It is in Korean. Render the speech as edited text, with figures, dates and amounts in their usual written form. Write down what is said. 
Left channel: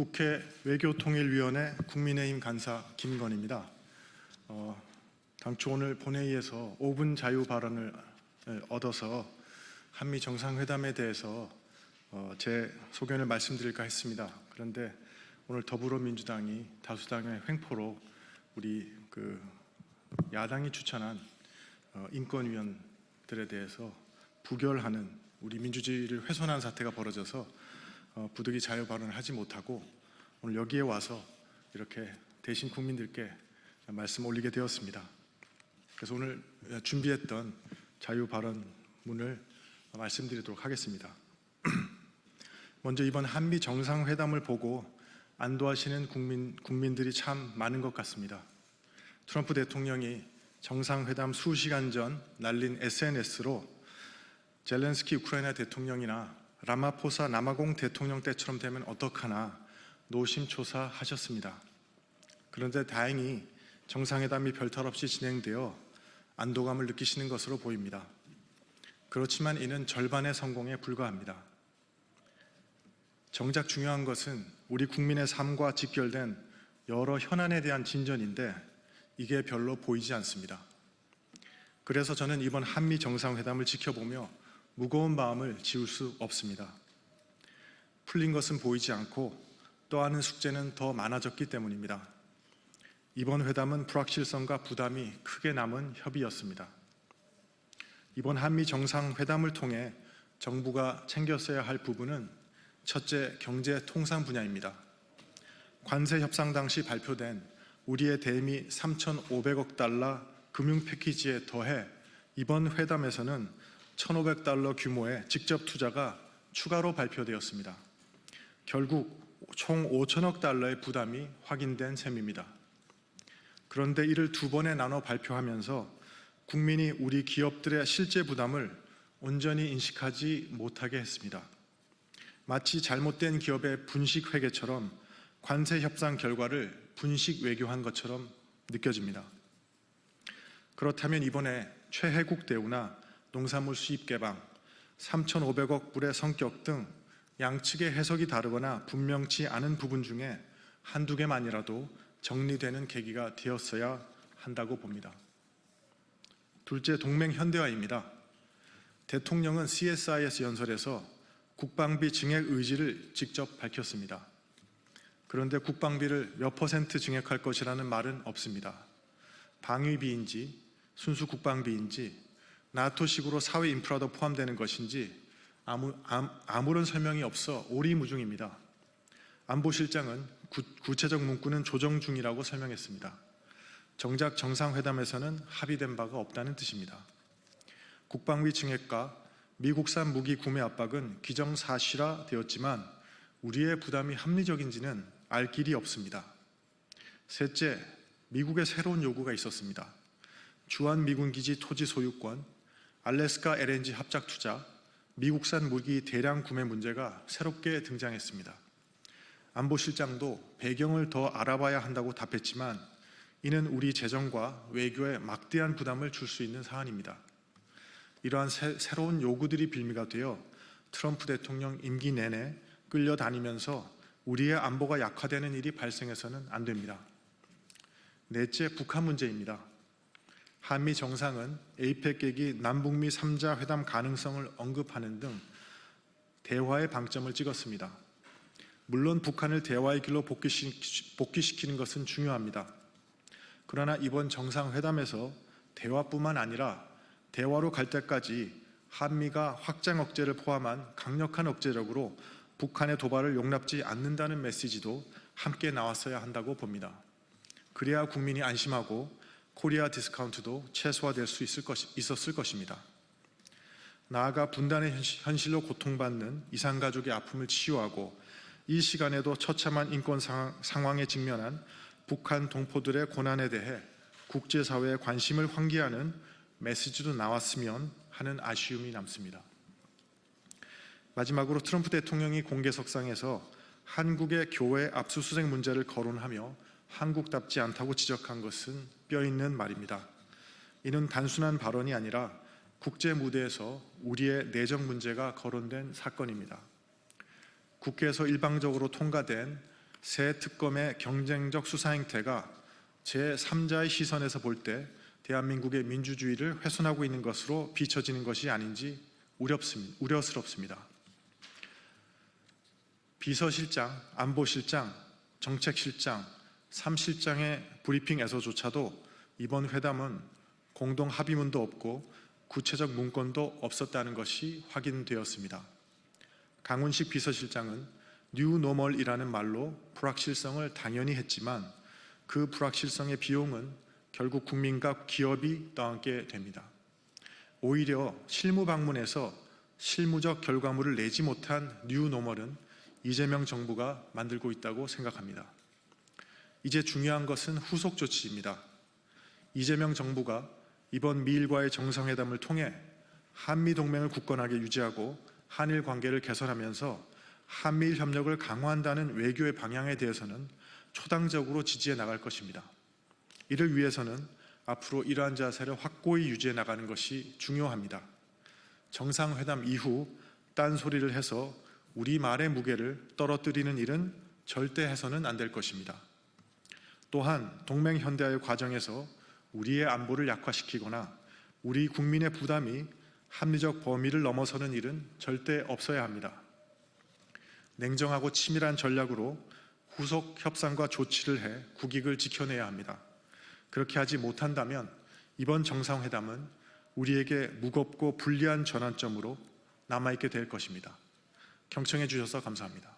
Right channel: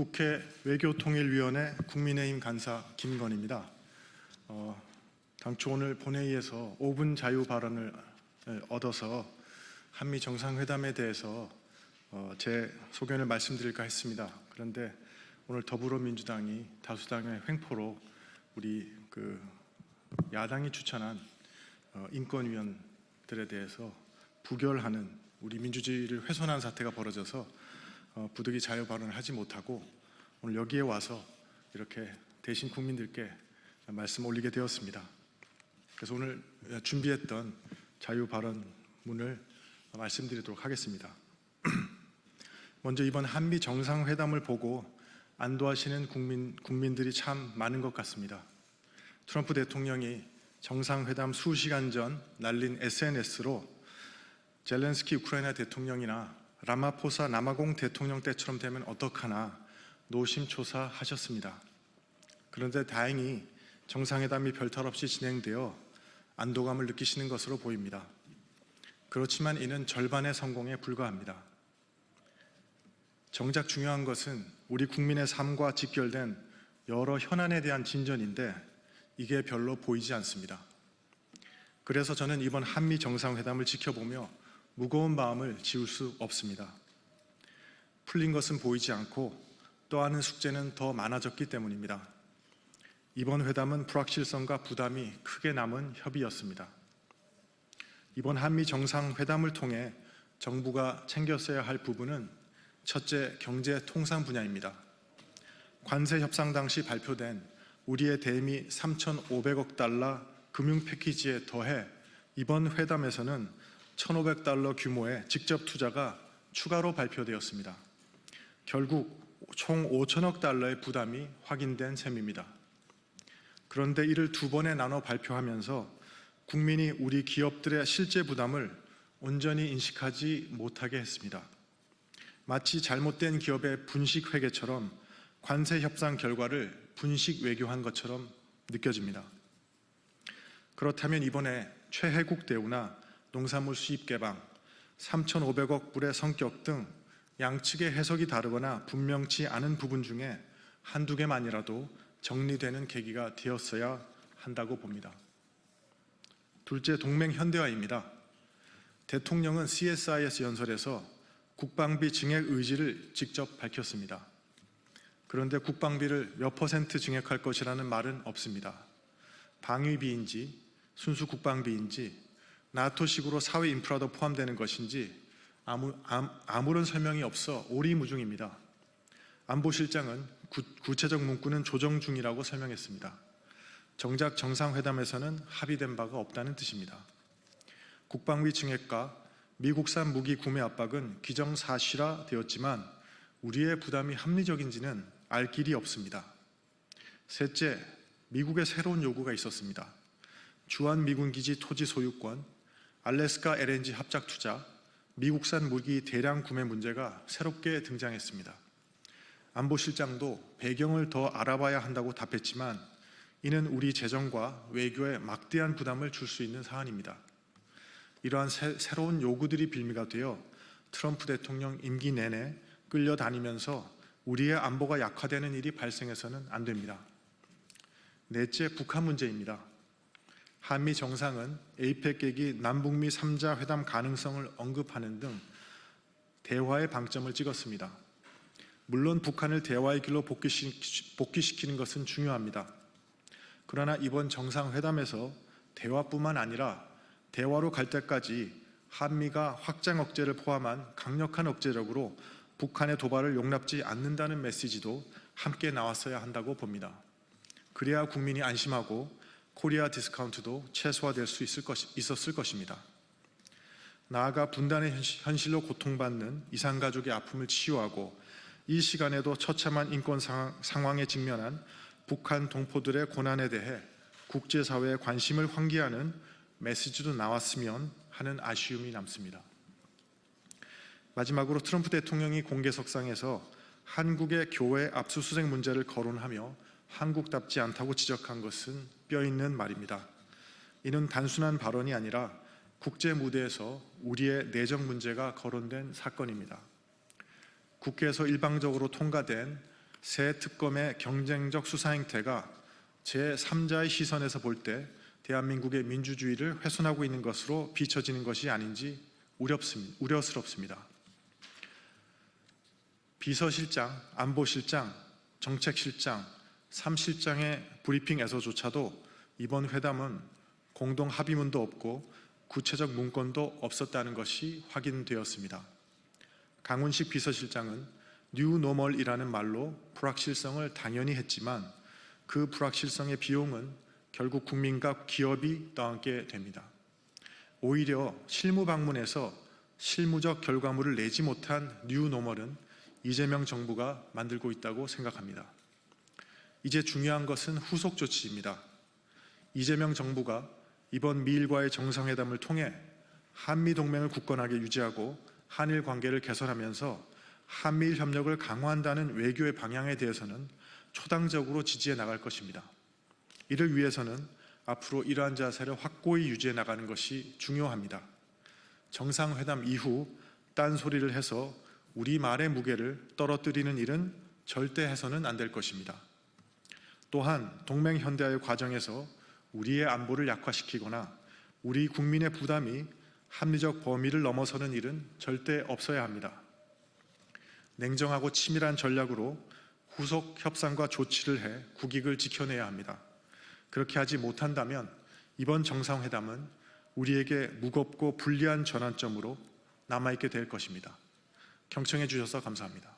국회 외교통일위원회 국민의힘 간사 김건희입니다. 당초 오늘 본회의에서 5분 자유 발언을 얻어서 한미 정상회담에 대해서 제 소견을 말씀드릴까 했습니다. 그런데 오늘 더불어민주당이 다수당의 횡포로 우리 야당이 추천한 인권위원들에 대해서 부결하는 우리 민주주의를 훼손한 사태가 벌어져서 부득이 자유 발언을 하지 못하고 오늘 여기에 와서 이렇게 대신 국민들께 말씀 올리게 되었습니다. 그래서 오늘 준비했던 자유 발언문을 말씀드리도록 하겠습니다. 먼저 이번 한미 정상회담을 보고 안도하시는 국민들이 참 많은 것 같습니다. 트럼프 대통령이 정상회담 수시간 전 날린 SNS로 젤렌스키 우크라이나 대통령이나 라마포사 남아공 대통령 때처럼 되면 어떡하나 노심초사하셨습니다. 그런데 다행히 정상회담이 별탈 없이 진행되어 안도감을 느끼시는 것으로 보입니다. 그렇지만 이는 절반의 성공에 불과합니다. 정작 중요한 것은 우리 국민의 삶과 직결된 여러 현안에 대한 진전인데 이게 별로 보이지 않습니다. 그래서 저는 이번 한미 정상회담을 지켜보며 무거운 마음을 지울 수 없습니다. 풀린 것은 보이지 않고 떠안은 숙제는 더 많아졌기 때문입니다. 이번 회담은 불확실성과 부담이 크게 남은 협의였습니다. 이번 한미 정상회담을 통해 정부가 챙겼어야 할 부분은 첫째, 경제 통상 분야입니다. 관세 협상 당시 발표된 우리의 대미 3,500억 달러 금융 패키지에 더해 이번 회담에서는 1,500달러 규모의 직접 투자가 추가로 발표되었습니다. 결국 총 5천억 달러의 부담이 확인된 셈입니다. 그런데 이를 두 번에 나눠 발표하면서 국민이 우리 기업들의 실제 부담을 온전히 인식하지 못하게 했습니다. 마치 잘못된 기업의 분식 회계처럼 관세 협상 결과를 분식 외교한 것처럼 느껴집니다. 그렇다면 이번에 최혜국 대우나 농산물 수입 개방, 3,500억 불의 성격 등 양측의 해석이 다르거나 분명치 않은 부분 중에 한두 개만이라도 정리되는 계기가 되었어야 한다고 봅니다. 둘째, 동맹 현대화입니다. 대통령은 CSIS 연설에서 국방비 증액 의지를 직접 밝혔습니다. 그런데 국방비를 몇 % 증액할 것이라는 말은 없습니다. 방위비인지 순수 국방비인지 나토식으로 사회 인프라도 포함되는 것인지 아무런 설명이 없어 오리무중입니다. 안보실장은 구체적 문구는 조정 중이라고 설명했습니다. 정작 정상회담에서는 합의된 바가 없다는 뜻입니다. 국방비 증액과 미국산 무기 구매 압박은 기정사실화되었지만 우리의 부담이 합리적인지는 알 길이 없습니다. 셋째, 미국의 새로운 요구가 있었습니다. 주한미군기지 토지 소유권, 알래스카 LNG 합작 투자, 미국산 무기 대량 구매 문제가 새롭게 등장했습니다. 안보실장도 배경을 더 알아봐야 한다고 답했지만 이는 우리 재정과 외교에 막대한 부담을 줄 수 있는 사안입니다. 이러한 새로운 요구들이 빌미가 되어 트럼프 대통령 임기 내내 끌려다니면서 우리의 안보가 약화되는 일이 발생해서는 안 됩니다. 넷째, 북한 문제입니다. 한미 정상은 에이펙 계기 남북미 3자 회담 가능성을 언급하는 등 대화의 방점을 찍었습니다. 물론 북한을 대화의 길로 복귀시키는 것은 중요합니다. 그러나 이번 정상회담에서 대화뿐만 아니라 대화로 갈 때까지 한미가 확장 억제를 포함한 강력한 억제력으로 북한의 도발을 용납지 않는다는 메시지도 함께 나왔어야 한다고 봅니다. 그래야 국민이 안심하고 코리아 디스카운트도 최소화될 수 있었을 것입니다. 나아가 분단의 현실로 고통받는 이산가족의 아픔을 치유하고 이 시간에도 처참한 인권 상황에 직면한 북한 동포들의 고난에 대해 국제사회의 관심을 환기하는 메시지도 나왔으면 하는 아쉬움이 남습니다. 마지막으로 트럼프 대통령이 공개석상에서 한국의 교회 압수수색 문제를 거론하며 한국답지 않다고 지적한 것은 뼈있는 말입니다. 이는 단순한 발언이 아니라 국제 무대에서 우리의 내정 문제가 거론된 사건입니다. 국회에서 일방적으로 통과된 새 특검의 경쟁적 수사 행태가 제3자의 시선에서 볼 때 대한민국의 민주주의를 훼손하고 있는 것으로 비춰지는 것이 아닌지 우려스럽습니다. 비서실장, 안보실장, 정책실장, 3실장의 브리핑에서조차도 이번 회담은 공동 합의문도 없고 구체적 문건도 없었다는 것이 확인되었습니다. 강훈식 비서실장은 뉴노멀이라는 말로 불확실성을 당연히 했지만 그 불확실성의 비용은 결국 국민과 기업이 떠안게 됩니다. 오히려 실무 방문에서 실무적 결과물을 내지 못한 뉴노멀은 이재명 정부가 만들고 있다고 생각합니다. 이제 중요한 것은 후속 조치입니다. 이재명 정부가 이번 미일과의 정상회담을 통해 한미동맹을 굳건하게 유지하고 한일 관계를 개선하면서 한미일 협력을 강화한다는 외교의 방향에 대해서는 초당적으로 지지해 나갈 것입니다. 이를 위해서는 앞으로 이러한 자세를 확고히 유지해 나가는 것이 중요합니다. 정상회담 이후 딴소리를 해서 우리 말의 무게를 떨어뜨리는 일은 절대 해서는 안 될 것입니다. 또한 동맹 현대화의 과정에서 우리의 안보를 약화시키거나 우리 국민의 부담이 합리적 범위를 넘어서는 일은 절대 없어야 합니다. 냉정하고 치밀한 전략으로 후속 협상과 조치를 해 국익을 지켜내야 합니다. 그렇게 하지 못한다면 이번 정상회담은 우리에게 무겁고 불리한 전환점으로 남아있게 될 것입니다. 경청해 주셔서 감사합니다.